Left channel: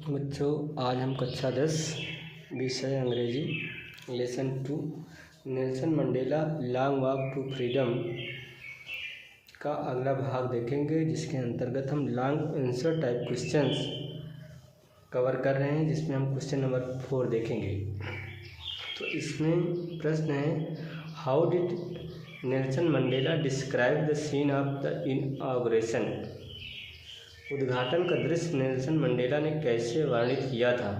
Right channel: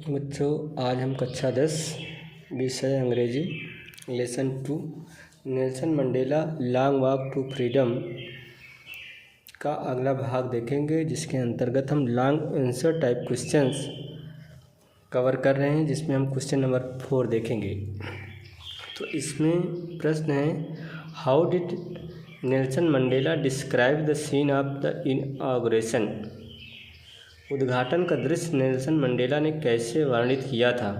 बच्चों, आज हम कक्षा 10 विषय अंग्रेजी lesson 2 Nelson Mandela long walk to freedom का अगला भाग देखेंगे, जिसके अंतर्गत हम long answer type questions cover कर रहे हैं, जिसमें हम क्वेश्चन नंबर 4 देखेंगे। तो इसमें प्रश्न है, how did Nelson Mandela describe the scene of the inauguration. उद्घाटन का दृश्य नेल्सन मंडेला ने कैसे वर्णित किया था।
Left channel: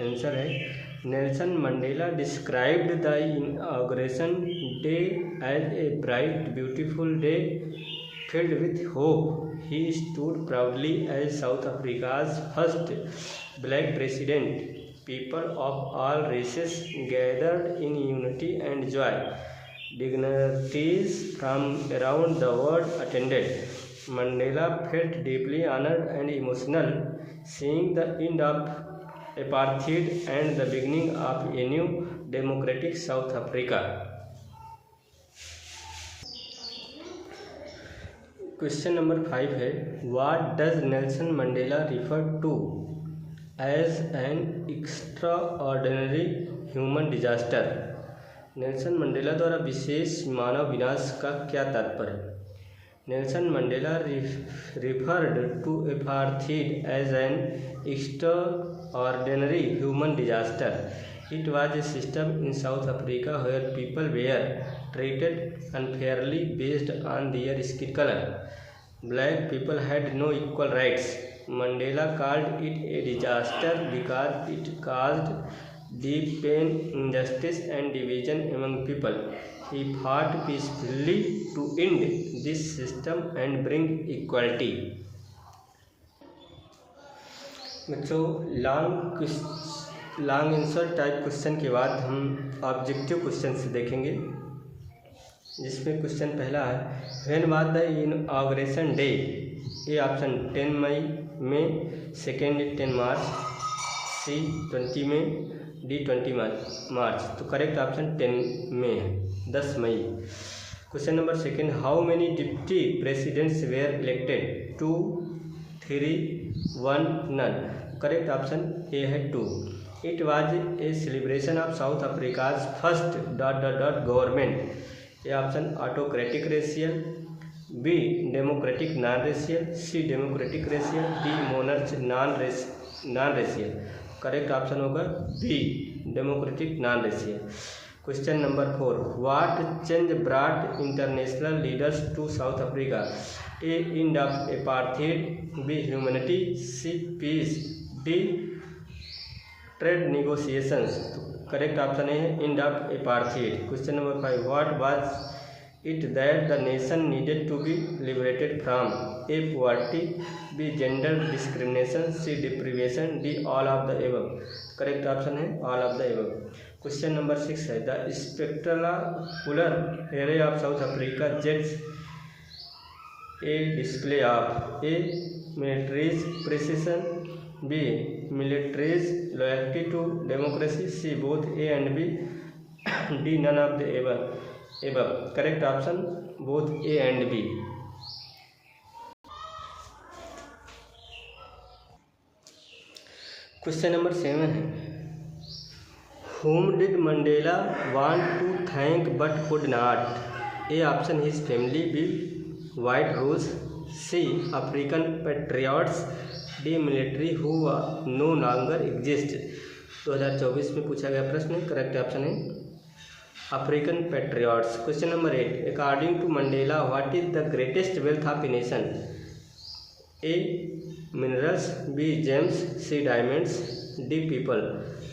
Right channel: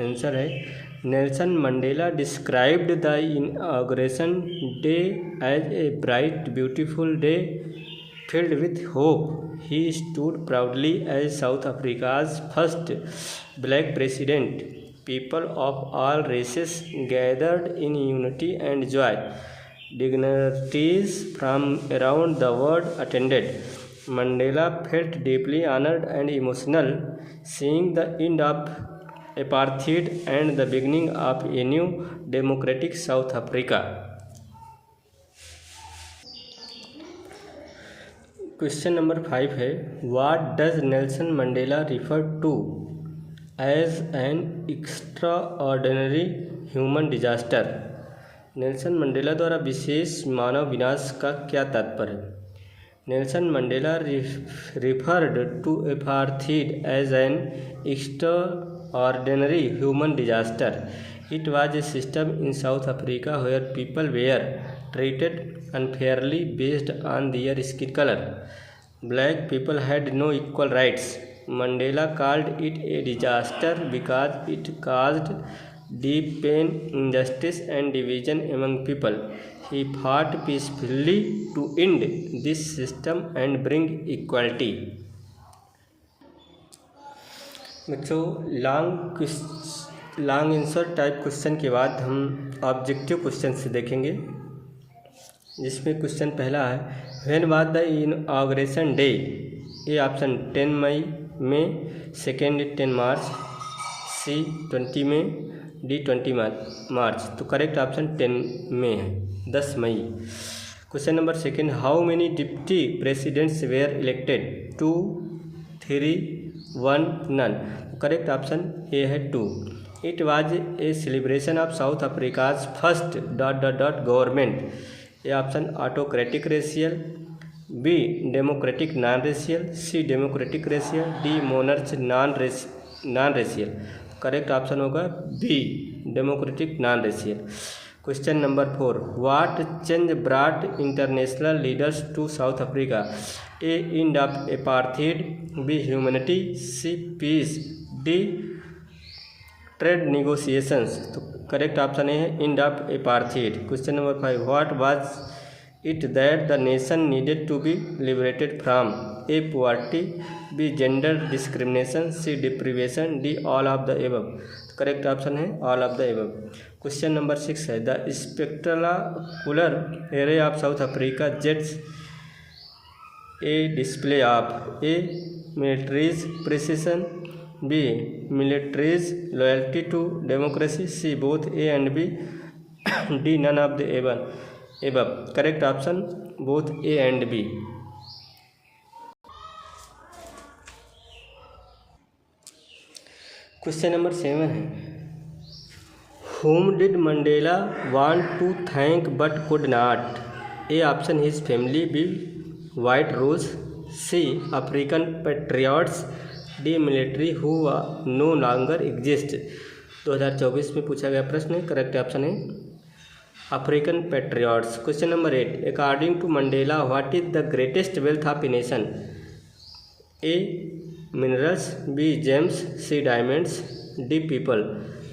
आंसर है, Nelson Mandela described the inauguration day as a bright beautiful day filled with hope. He stood proudly as South Africa's first black president. People of all races gathered in unity and joy. Dignitaries from around the world attended. Mandela felt deeply honored and emotional, seeing the end of apartheid and the beginning of a new democratic South Africa. Question number 5 है, what does Nelson Mandela refer to as an extraordinary human disaster. Nelson Mandela द्वारा विशेष मानव विनाश का क्या तात्पर्य। Nelson Mandela referred to apartheid as an extraordinary human disaster. It was a system in South Africa where people were treated unfairly based on their skin color. Black people had no equal rights. Mandela called it a disaster because it caused deep pain, injustice, and division among people. He fought peacefully to end this system and bring equality. बच्चों, long answer type question के बाद हम objective question से देखेंगे, जिसमें question पहला है, when was the inauguration day. A option 10 मई में, सेकेंड 10 मार्च, सी 20 में, डी 20 मार्च। तो करेक्ट ऑप्शन 10 में है, 10 मई। Question number second, how many deputy presidents were elected. 2, 3, 1, none. Correct option A है 2। It was a celebration of South Africa's first ... government. A option autocratic racial, B democratic non-racial, C democratic racial, D monarch non-racial. Correct option होगा B democratic non-racial. Question number 4. What change brought international leaders to South Africa? A end of apartheid, B humanity, C peace, D trade negotiations. तो correct option है end of apartheid. Question number 5, what was it that the nation needed to be liberated from. A poverty, B gender discrimination, C deprivation, D all of the above. Correct option है all of the above. Question number 6 है, the spectacular array of South Africa jets a display of. A military's precision, B military's loyalty to democracy, C both A and B, D none of the above. Correct option both A and B. Question number 7 है, whom did Mandela want to thank but could not? A option his family, B white rose, C African patriots, D military who no longer exist. 2024 में पूछा गया प्रश्न है, correct option है African patriots. Question number 8, according to Mandela what is the greatest wealth of a nation. A minerals, B gems, C diamonds, D people.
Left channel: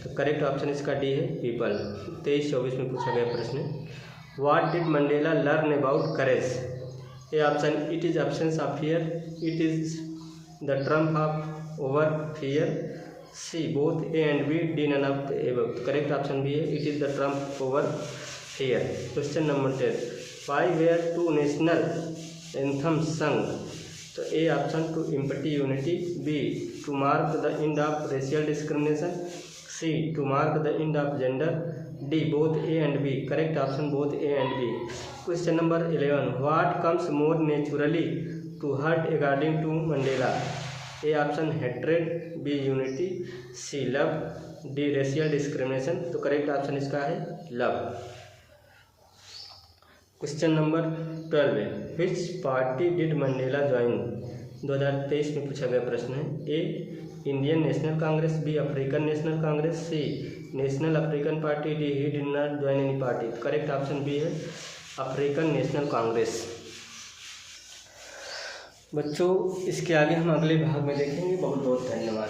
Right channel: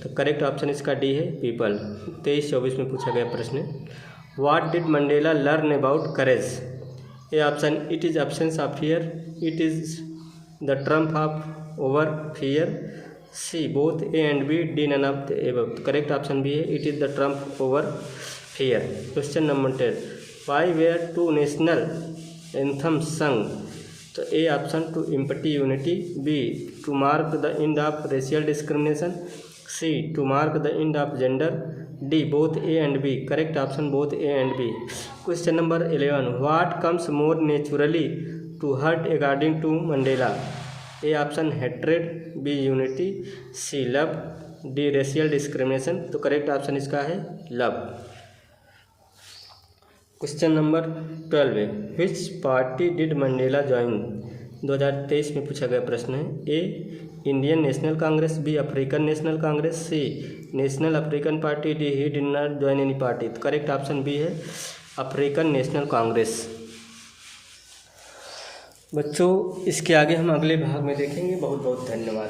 तो correct option इसका D है people. 23-24 में पूछा गया प्रश्न है, what did Mandela learn about courage. A option it is absence of fear, it is the trump of over fear, C both A and B, D none of the above. Correct option B है, it is the trump over fear. Question number 10, why were two national anthems sung। तो A option to empty unity, B to mark the end of racial discrimination, C to mark the end of gender, D both A and B. Correct option both A and B. Question number 11, what comes more naturally to hurt according to Mandela। A option hatred, B unity, C love, D racial discrimination. तो correct option इसका है love. Question number 12 है, which party did Mandela join. 2023 में पूछा गया प्रश्न है। A Indian National Congress, B African National Congress, C National African Party, D he did not join any party. तो करेक्ट ऑप्शन बी है अफ्रीकन नेशनल कांग्रेस। बच्चों इसके आगे हम अगले भाग में देखेंगे। बहुत बहुत धन्यवाद।